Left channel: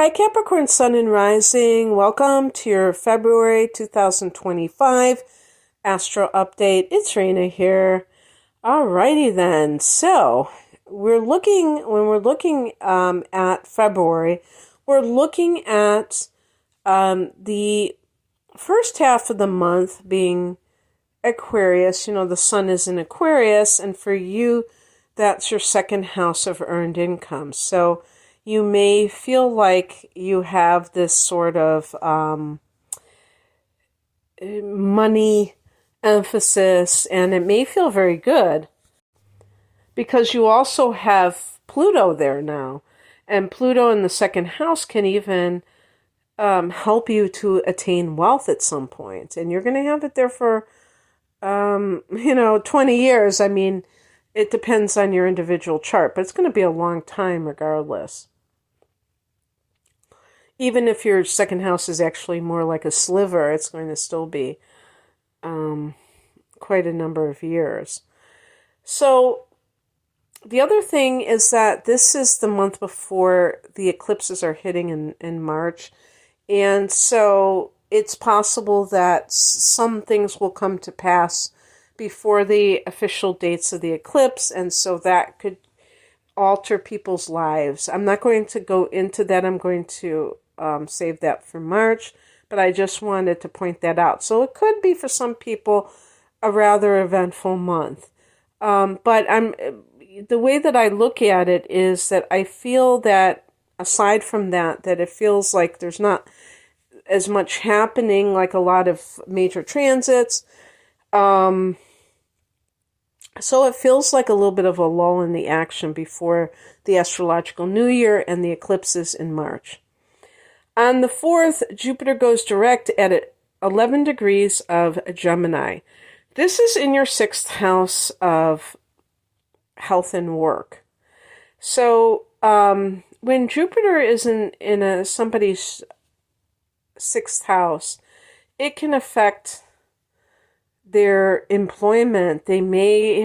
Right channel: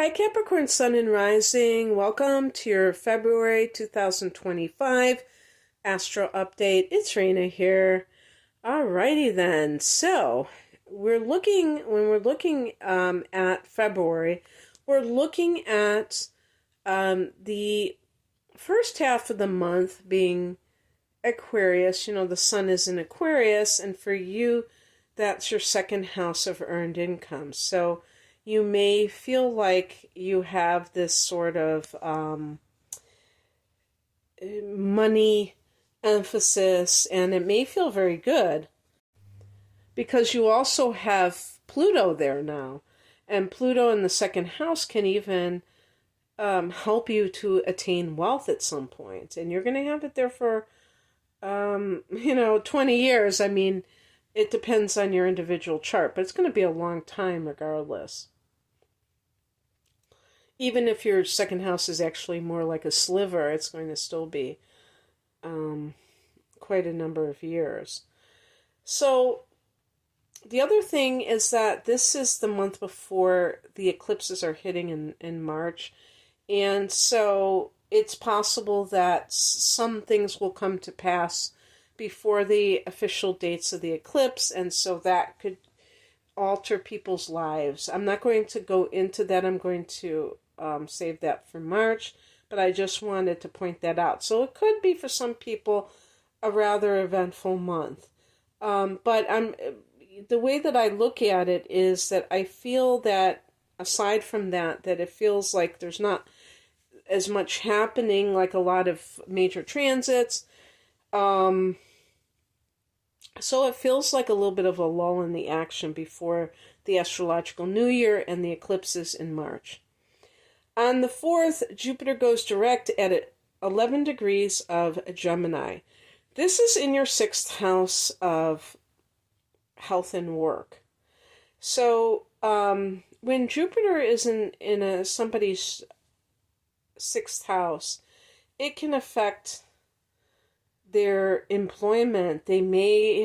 Hi, Capricorn Sun and Rising. Welcome to your February 2025 Astro Update. It's Raina here. Alrighty then. So, when we're looking at February, we're looking at the first half of the month being Aquarius. You know, the Sun is in Aquarius, and for you, that's your second house of earned income. So, you may feel like you have this sort of money emphasis, and it may feel very good because you also have Pluto there now. And Pluto in the second house can even help you to attain wealth at some point. And you're going to have it there for, 20 years. I mean, it depends on your individual chart, but it's going to be a long time regardless. Even if your second house is actually more like a sliver, it's going to still be quite a number of years. So the other thing is that this is the month before the eclipses are hitting in March. And so it's possible that some things will come to pass before the official dates of the eclipse. And so that could alter people's lives. I'm not going to go into that. I'm going to save that for March, but I just wanted to point that out. So it could be for some people a rather eventful month. But the way that I look at it is that I feel that aside from that it feels like there's not as much happening, like a lot of major transits. So it feels like a little bit of a lull in the action before the astrological new year and the eclipses in March. On the 4th, Jupiter goes direct at 11 degrees of Gemini. This is in your 6th house of health and work. So when Jupiter is in somebody's 6th house, it can affect their employment. They maybe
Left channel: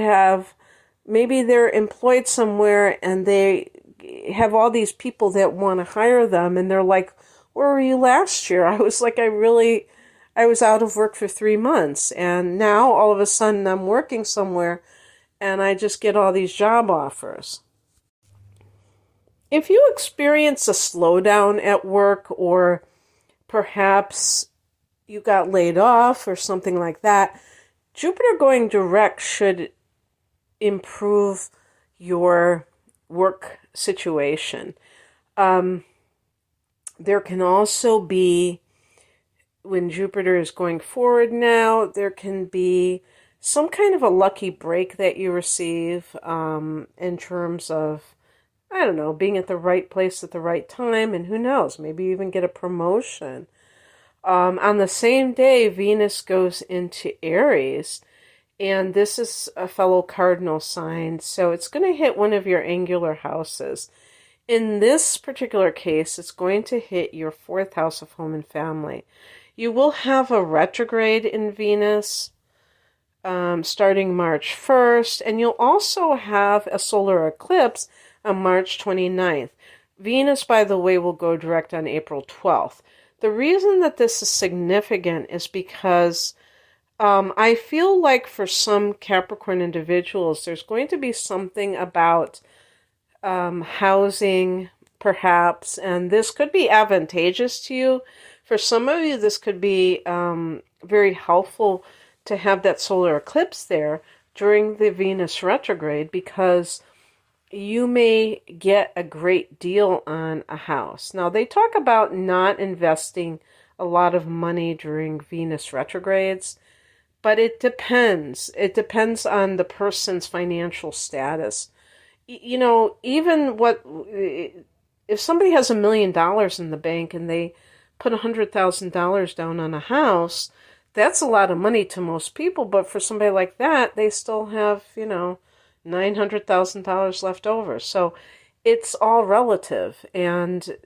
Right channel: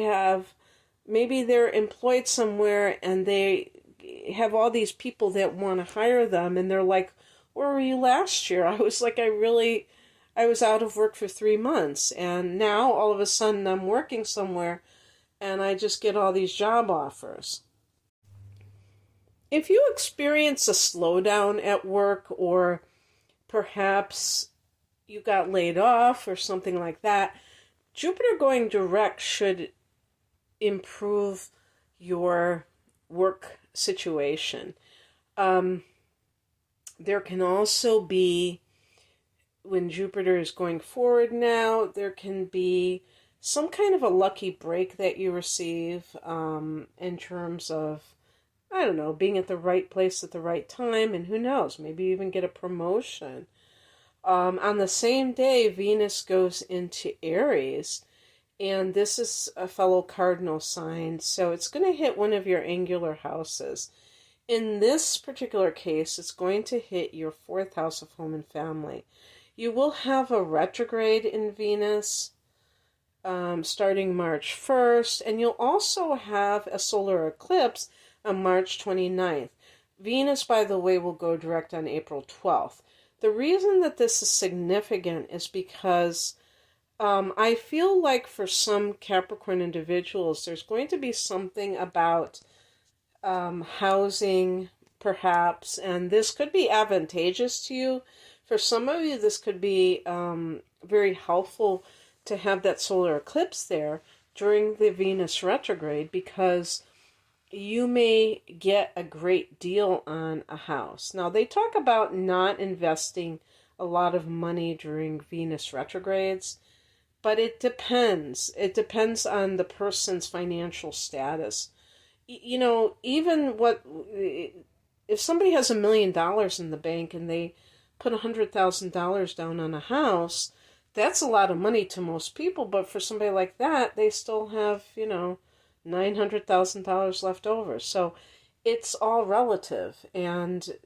they're employed somewhere and they have all these people that want to hire them, and they're like, where were you last year? I was like, I was out of work for 3 months, and now all of a sudden I'm working somewhere and I just get all these job offers. If you experience a slowdown at work, or perhaps you got laid off or something like that, Jupiter going direct should improve your work situation. There can also be, when Jupiter is going forward now, there can be some kind of a lucky break that you receive in terms of, I don't know, being at the right place at the right time, and who knows, maybe even get a promotion. On the same day, Venus goes into Aries, and this is a fellow cardinal sign, so it's going to hit one of your angular houses. In this particular case, it's going to hit your 4th house of home and family. You will have a retrograde in Venus starting March 1st, and you'll also have a solar eclipse on March 29th. Venus, by the way, will go direct on April 12th. The reason that this is significant is because I feel like for some Capricorn individuals, there's going to be something about housing, perhaps, and this could be advantageous to you. For some of you, this could be very helpful to have that solar eclipse there during the Venus retrograde, because you may get a great deal on a house. Now, they talk about not investing a lot of money during Venus retrogrades, but it depends. It depends on the person's financial status. You know, even if somebody has $1 million in the bank and they put $100,000 down on a house, that's a lot of money to most people. But for somebody like that, they still have, $900,000 left over. So it's all relative. And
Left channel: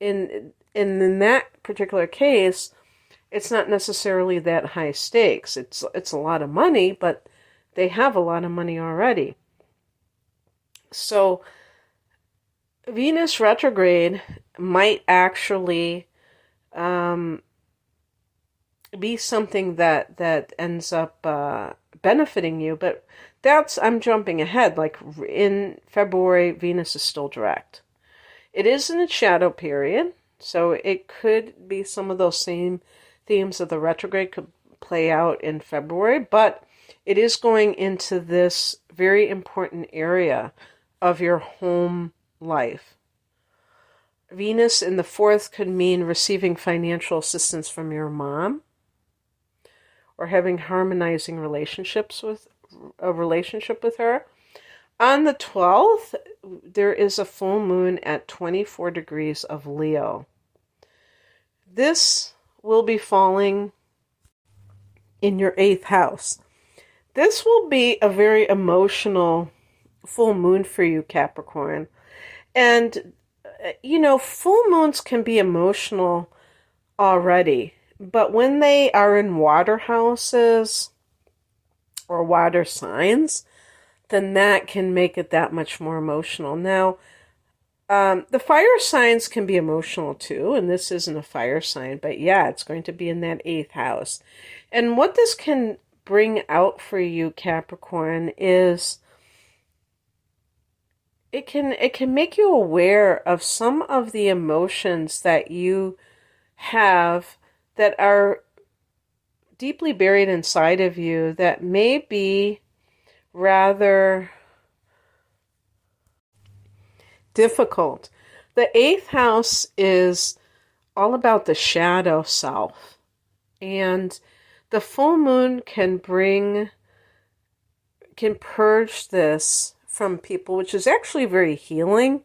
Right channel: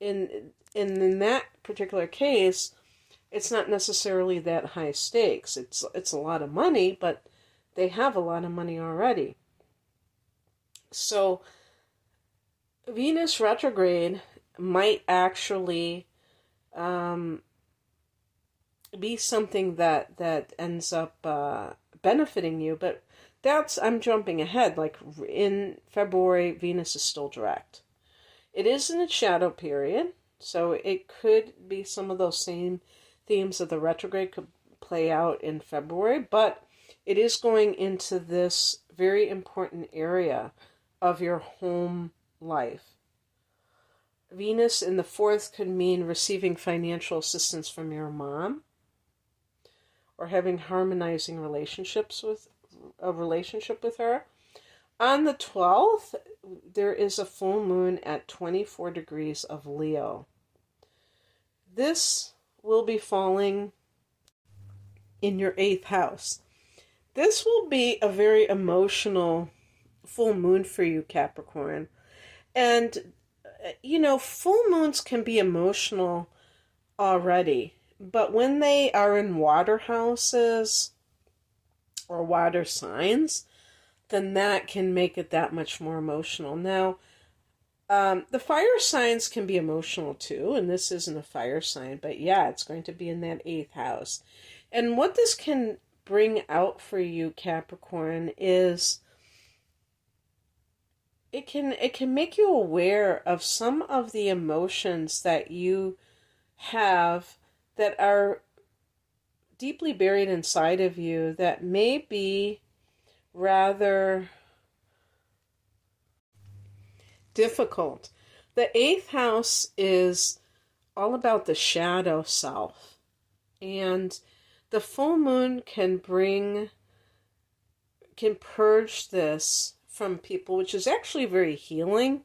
in that particular case, it's not necessarily that high stakes. It's a lot of money, but they have a lot of money already. So Venus retrograde might actually be something that ends up benefiting you. But I'm jumping ahead. Like in February, Venus is still direct. It is in its shadow period, so it could be some of those same themes of the retrograde could play out in February, but it is going into this very important area of your home life. Venus in the fourth could mean receiving financial assistance from your mom, or having harmonizing relationships with a relationship with her. On the 12th, there is a full moon at 24 degrees of Leo. This will be falling in your 8th house. This will be a very emotional full moon for you, Capricorn. And, full moons can be emotional already. But when they are in water houses or water signs, then that can make it that much more emotional. Now, the fire signs can be emotional too, and this isn't a fire sign, but yeah, it's going to be in that 8th house. And what this can bring out for you, Capricorn, is it can make you aware of some of the emotions that you have that are deeply buried inside of you that may be rather difficult. The 8th house is all about the shadow self, and the full moon can purge this from people, which is actually very healing,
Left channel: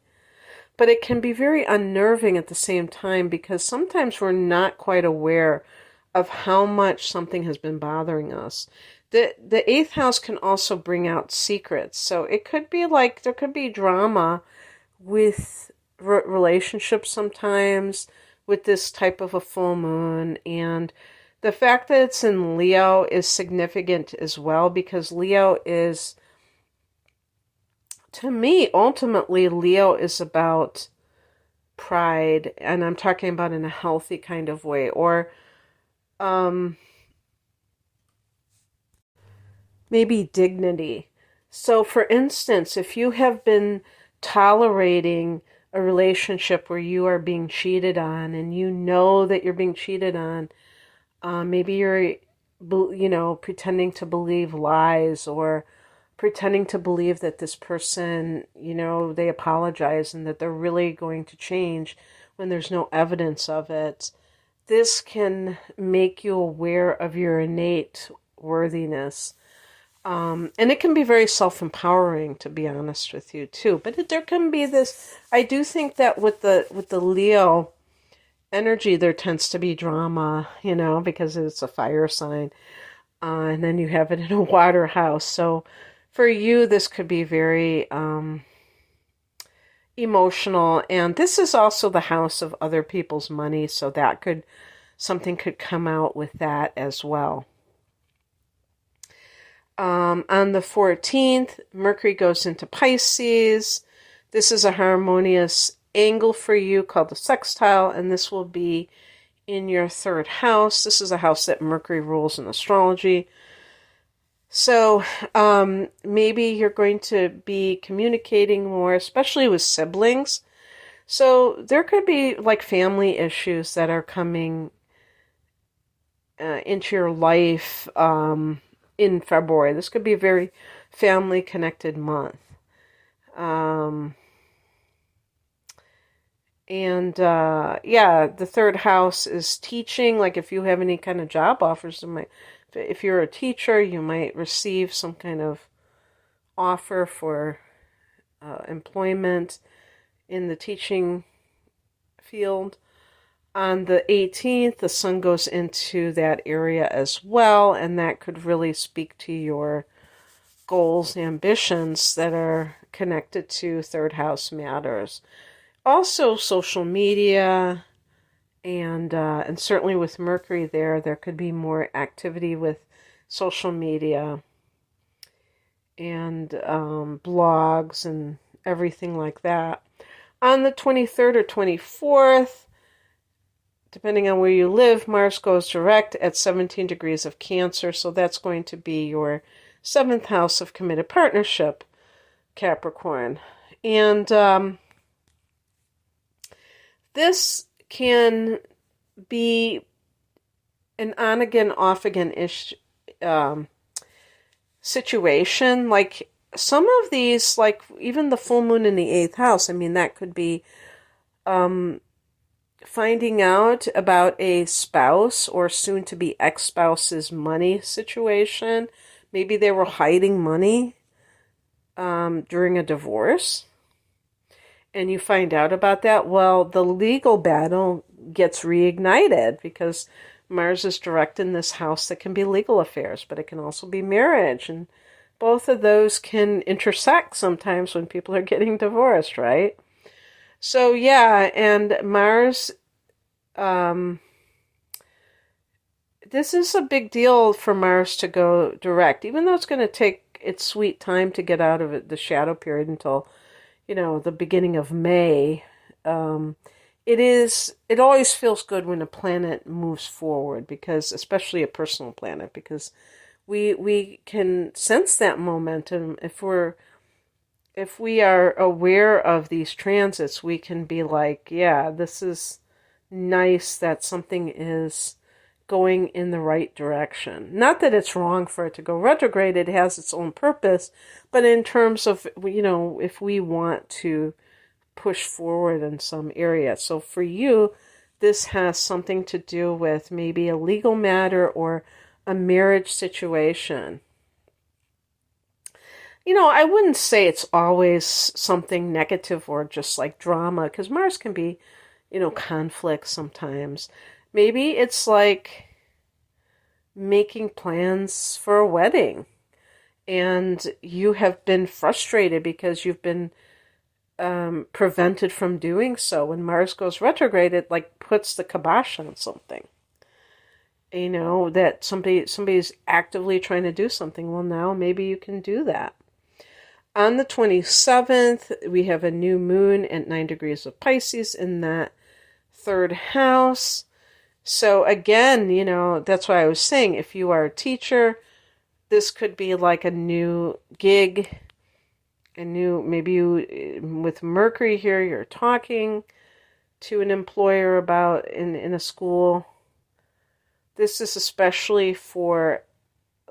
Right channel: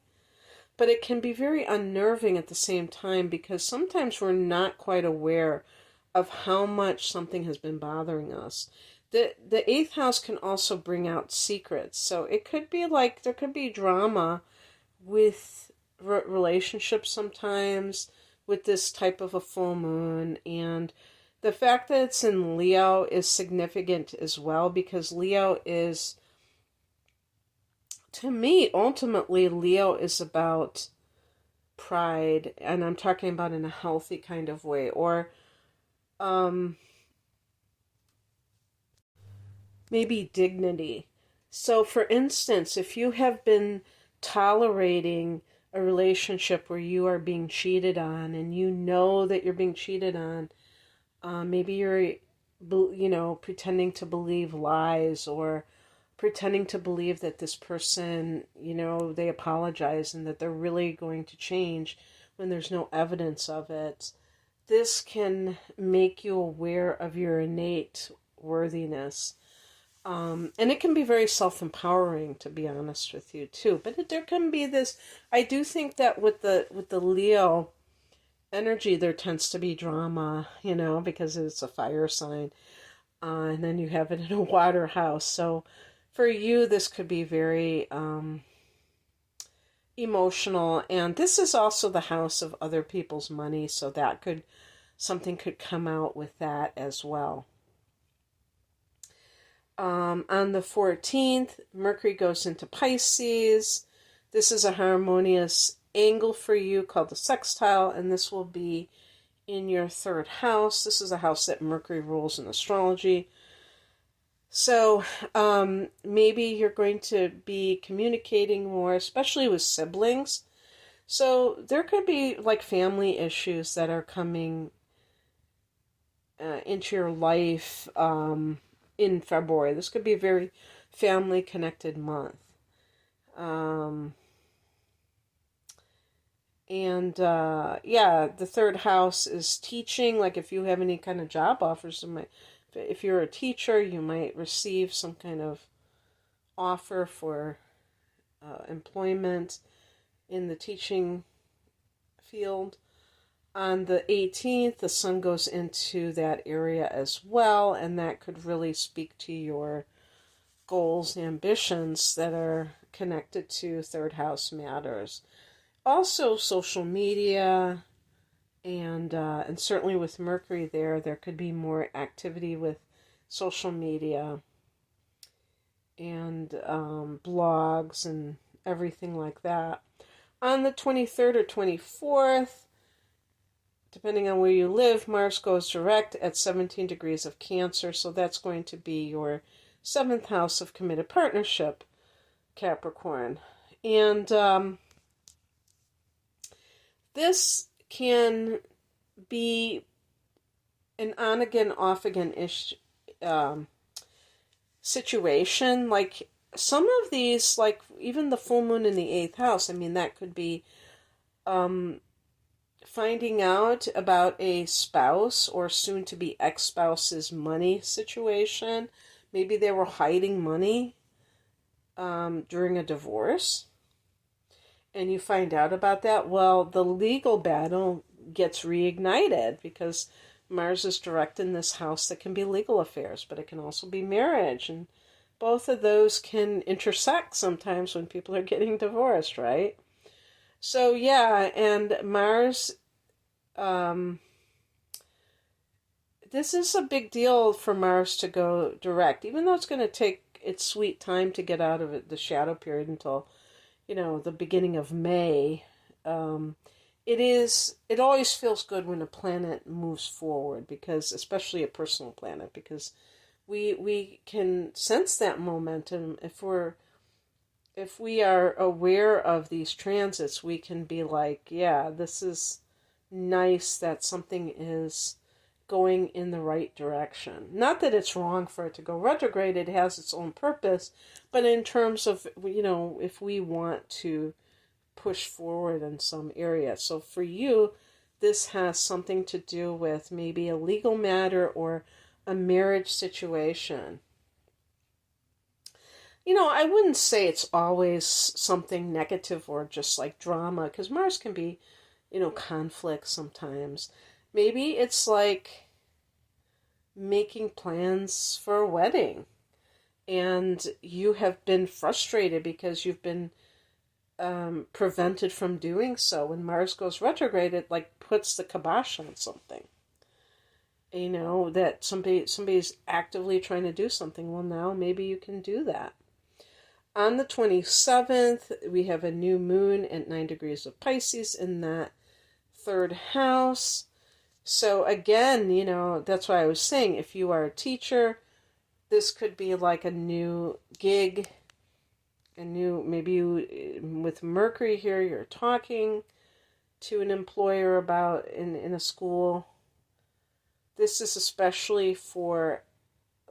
but it can be very unnerving at the same time, because sometimes we're not quite aware of how much something has been bothering us. The 8th house can also bring out secrets. So it could be like there could be drama with relationships sometimes with this type of a full moon. And the fact that it's in Leo is significant as well, because Leo is, to me, ultimately, Leo is about pride. And I'm talking about in a healthy kind of way. Or maybe dignity. So, for instance, if you have been tolerating a relationship where you are being cheated on, and you know that you're being cheated on, maybe you're, pretending to believe lies, or pretending to believe that this person, they apologize and that they're really going to change when there's no evidence of it. This can make you aware of your innate worthiness. And it can be very self-empowering, to be honest with you, too. But there can be this, I do think that with the Leo energy, there tends to be drama, because it's a fire sign. And then you have it in a water house. So for you, this could be very emotional. And this is also the house of other people's money. So something could come out with that as well. On the 14th, Mercury goes into Pisces. This is a harmonious angle for you called the sextile, and this will be in your 3rd house. This is a house that Mercury rules in astrology. So maybe you're going to be communicating more, especially with siblings. So there could be like family issues that are coming into your life in February. This could be a very family-connected month. The 3rd house is teaching. Like if you have any kind of job offers, if you're a teacher, you might receive some kind of offer for employment in the teaching field. On the 18th, the sun goes into that area as well, and that could really speak to your goals, ambitions that are connected to 3rd house matters. Also, social media, and certainly with Mercury there could be more activity with social media and blogs and everything like that. On the 23rd or 24th, depending on where you live, Mars goes direct at 17 degrees of Cancer. So that's going to be your 7th house of committed partnership, Capricorn. And this can be an on again, off again ish situation. Like some of these, like even the full moon in the 8th house, I mean, that could be finding out about a spouse or soon to be ex-spouse's money situation. Maybe they were hiding money during a divorce, and you find out about that. Well, the legal battle gets reignited because Mars is direct in this house. That can be legal affairs, but it can also be marriage. And both of those can intersect sometimes when people are getting divorced, right? So yeah, and Mars, this is a big deal for Mars to go direct, even though it's going to take its sweet time to get out of it, the shadow period until, the beginning of May. It always feels good when a planet moves forward, because, especially a personal planet, because we can sense that momentum. If we are aware of these transits, we can be like, yeah, this is nice that something is going in the right direction. Not that it's wrong for it to go retrograde, it has its own purpose, but in terms of, if we want to push forward in some area. So for you, this has something to do with maybe a legal matter or a marriage situation. I wouldn't say it's always something negative or just like drama, because Mars can be, conflict sometimes. Maybe it's like making plans for a wedding, and you have been frustrated because you've been prevented from doing so. When Mars goes retrograde, it like puts the kibosh on something. That somebody's actively trying to do something. Well, now maybe you can do that. On the 27th, we have a new moon at 9 degrees of Pisces in that 3rd house. So again, that's why I was saying, if you are a teacher, this could be like a new gig, maybe you, with Mercury here, you're talking to an employer about in a school. This is especially for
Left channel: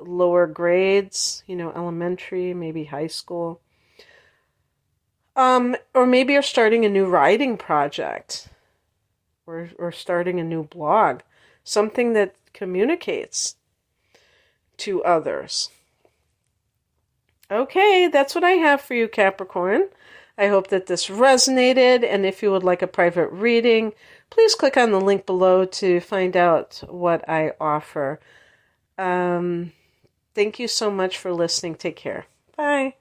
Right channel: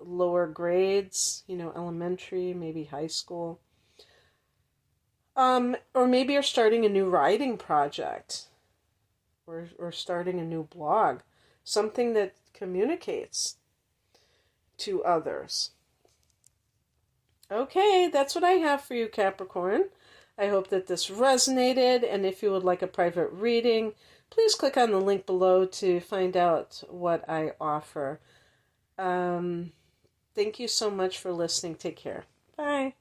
lower grades, elementary, maybe high school. Or maybe you're starting a new writing project, or starting a new blog, something that communicates to others. Okay, that's what I have for you, Capricorn. I hope that this resonated, and if you would like a private reading, please click on the link below to find out what I offer. Thank you so much for listening. Take care. Bye.